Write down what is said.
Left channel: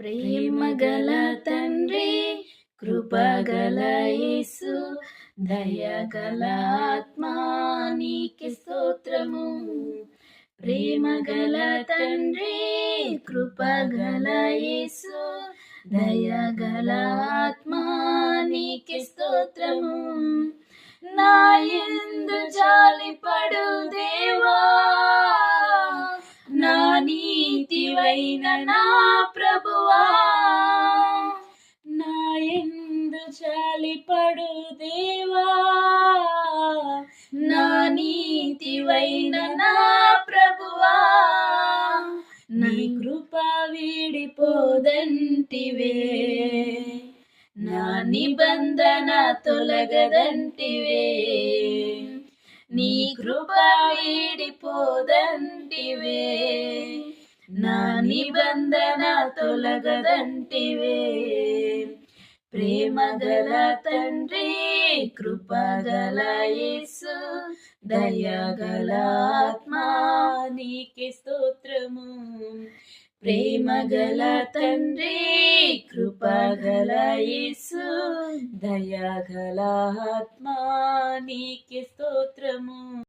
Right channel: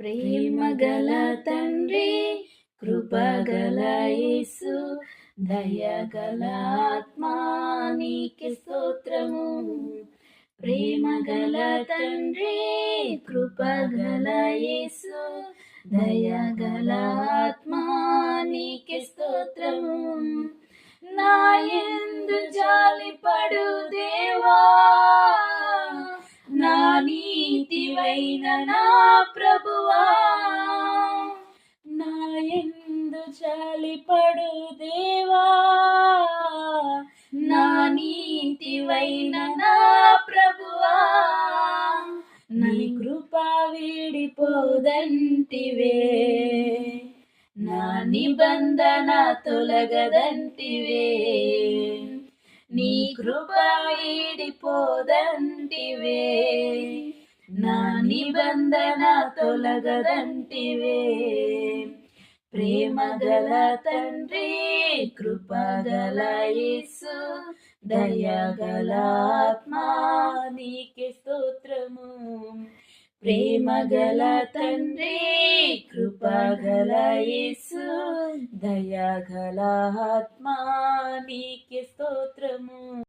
ప్రేమగల తండ్రి, కృపగల యేసు, దయగల ఆత్మా నీకే స్తోత్రము. ప్రేమగల తండ్రి, కృపగల యేసు, దయగల ఆత్మా నీకే స్తోత్రము. నా యందు జాలిపడు దేవా, నా నీతివైన నా ప్రభువా, నా యందు జాలిపడు దేవా, నా నీతివైన నా ప్రభువా, నీ కృప వీడిపోదంటివే, నా నిబంధన తొలగదంటివే, నీ కృప వీడిపోదంటివే, నా నిబంధన తొలగదంటివే. ప్రేమగల తండ్రి, కృపగల యేసు, దయగల ఆత్మా నీకే స్తోత్రము. ప్రేమగల తండ్రి, కృపగల యేసు, దయగల